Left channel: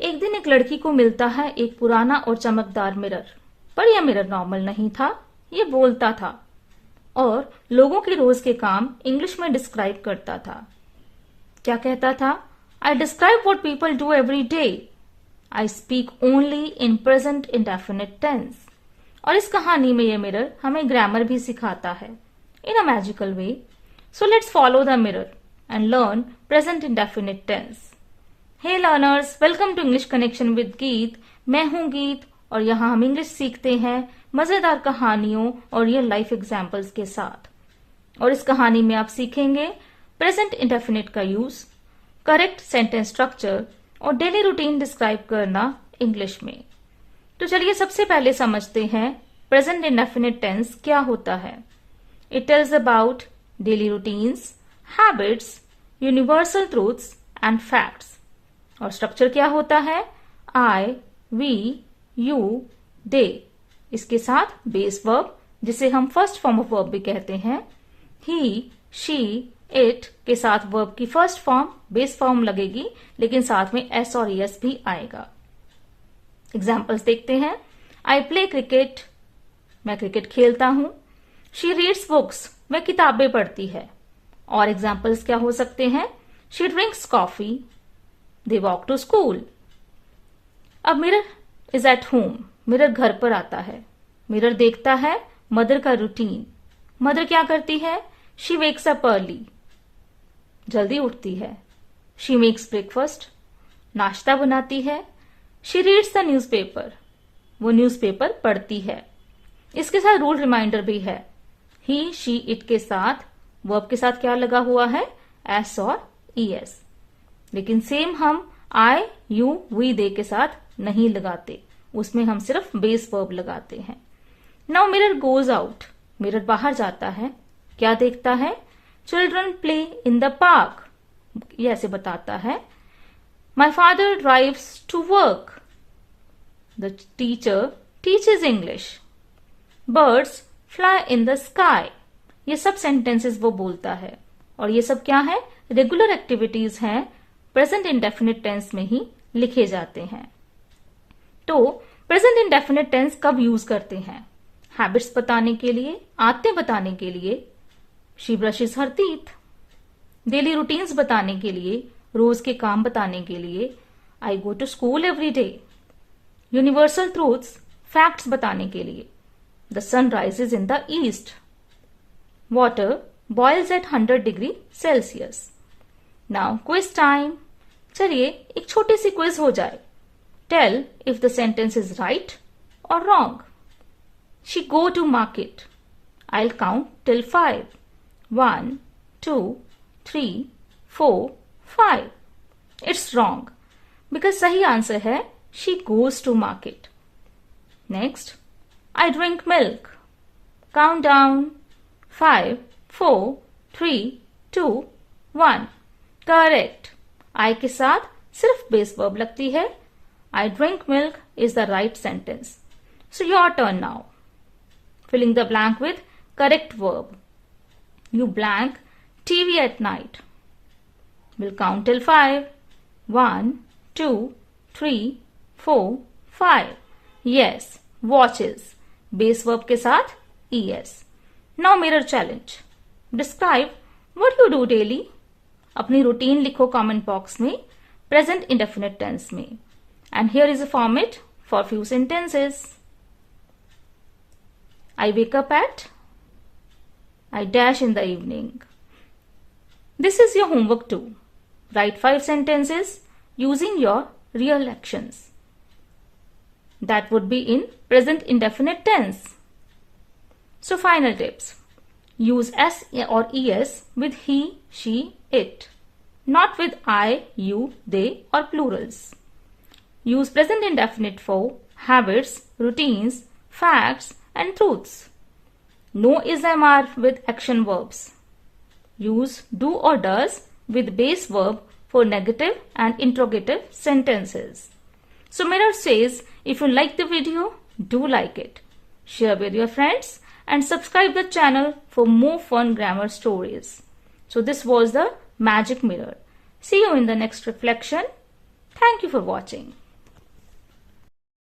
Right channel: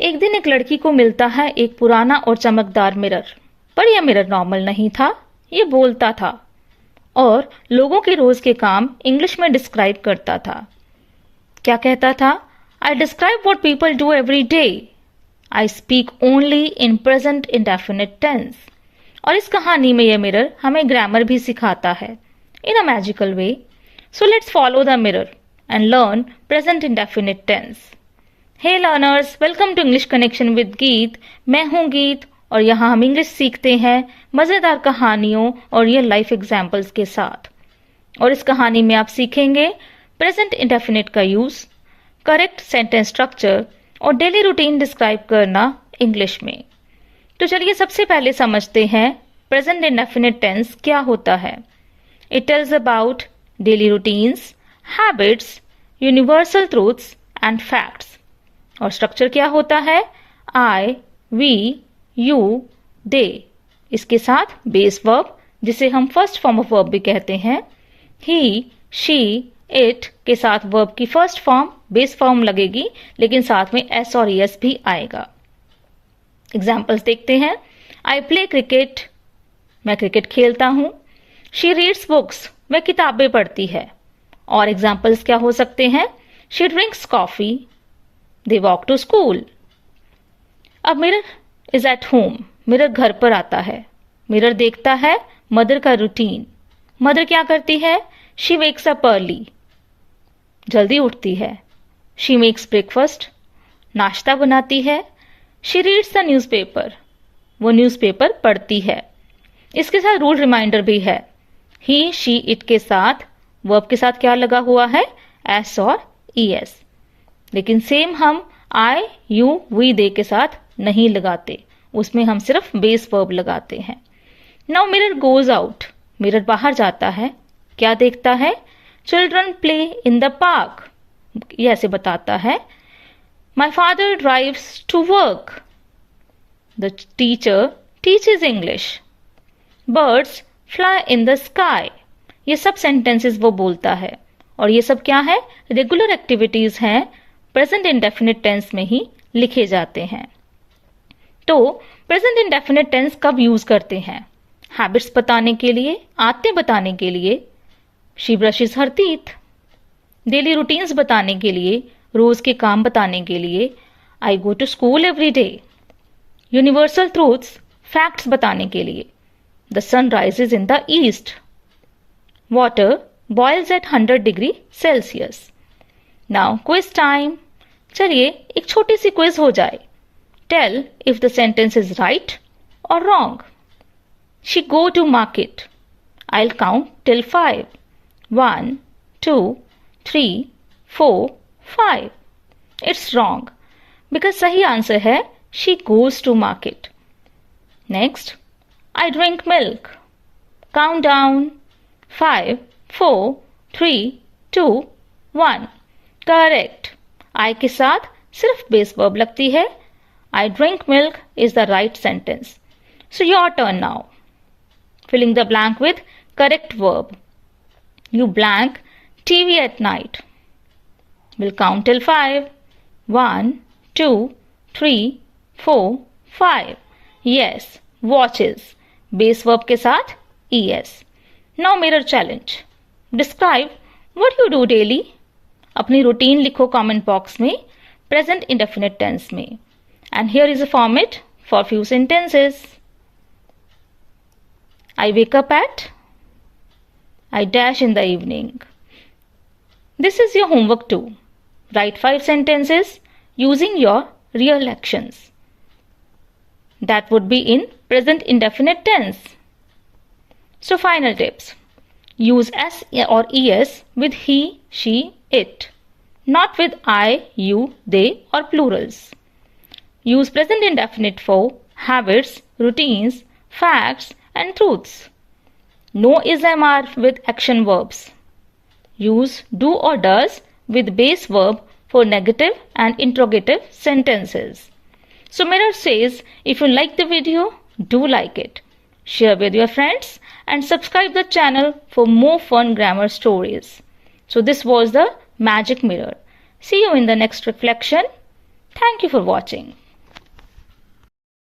एक दिन एक लड़की को मिलता है एक पुराना और चमकदार मिरर, पर यह मिरर नॉर्मल नहीं था, ये बोलता था और लोगों के रोज के काम इंग्लिश में डिस्क्राइब करता था। क्या कहता था? I describe what people do every day. I speak only in present indefinite tense. और इस कहानी में यह मिरर हमें ग्रामर भी सिखाता है in a magical way. So let's follow the mirror and learn present indefinite tense. Hey learners, welcome to English connection with Geet. मैं हूं गीत और यहाँ हम इंग्लिश सीखते हैं मजेदार कहानियों और रियल लाइफ एग्जाम्पल्स के साथ। और इस कहानी में आप सीखेंगे प्रेजेंट इंडेफिनिट का यूज, करेक्ट सेंटेंस स्ट्रक्चर और डेली रूटीन डिस्क्राइब करना इंग्लिश में। तो चलिए सबसे पहले समझते हैं प्रेजेंट इंडेफिनिट टेंस क्या होता है। It tells about daily routines, habits, universal truths and facts. और स्ट्रक्चर क्या होता है? आई, वी, यू, दे। इसके साथ बेस वर्ब, जिसे हम फर्स्ट फॉर्म ऑफ वर्ब भी कहते हैं। ही, शी, इट के साथ वर्ब की फर्स्ट फॉर्म बेस फॉर्म लगेगी, लेकिन साथ में एस और एस भी आएगा। एग्जाम्पल्स देखते हैं। आई प्ले क्रिकेट, मैं क्रिकेट खेलता हूं। शी रीड्स बुक्स, वह किताबें पढ़ती है। और एग्जाम्पल्स क्या हो सकते हैं? She drinks coffee, they walk to school. अब mirror is at home, mirror घर पर आता है। मिरर देखता है मदर का रूटीन। मदर क्या करती है? शी वेक्स अप अर्ली, जल्दी उठती है। शी मेक्स ब्रेकफास्ट, नाश्ता बनाती है। शी रीड्स द न्यूज़पेपर, वो न्यूज़पेपर पढ़ती है। इसके साथ रूल रिमाइंडर भी है। ही, शी, इट के साथ वर्ब के साथ क्या लगा हुआ है? एस और ईएस। लेकिन सेम हम आई, यू, वी, दे के साथ नहीं लगाते, उसमें हम सिर्फ बेस वर्ब लगाते हैं। Now mirror goes out, mirror बाहर जाता है। क्या देखता है? Children play in the park, ये ऐसे बताता है। My father drives to work, the teacher teaches English. Birds fly in the sky, ये सब सेंटेंसेस वो बोलता है। और ये सब क्या है? रेगुलर एक्टिविटीज हैं, प्रेजेंट इंडेफिनिट टेंस में ही लिखे जाते हैं। तो प्रेजेंट इंडेफिनिट टेंस कब यूज करते हैं? हैबिट्स बताने के लिए, आदतें बताने के लिए। She brushes her teeth. Daily routines बताने के लिए, रोज के काम बताने के लिए। I go to school every day. Universal truths, facts बताने के लिए। The sun rises in the east. Water boils at 100 degree Celsius. Now quiz time. चलिए एक छोटी सी क्विज हो जाए। Tell if the sentence is right और wrong. She go to market. I will count till 5. 1, 2, 3, 4, 5. It's wrong because सही answer है she goes to market. Next, I drink milk. Count down 5, 4, 3, 2, 1. Correct. I के साथ सिर्फ base verb लगती है। I drink milk is the right sentence. So your turn now. Filling the blank with correct verb. You blank TV at night. We'll count till 5. 1, 2, 3, 4, 5. Yes, watches. Base verb के साथ es. Now mirror challenge. Describe what you do daily. अपनी routine लिखो comment box में present indefinite tense में। And here is a format for few sentences. I wake up at. I dash in the evening. This is your homework too. Write 5 sentences using your real actions. That would be in present indefinite tense. So final tips. Use S or ES with he, she, it. Not with I, you, they or plurals. Use present indefinite for habits, routines, facts and truths. No is MR with action verbs. Use do or does with base verb for negative and interrogative sentences. So Mirror says, if you like the video, do like it. Share with your friends and subscribe the channel for more fun grammar stories. So this was the Magic Mirror. See you in the next reflection. Thank you for watching.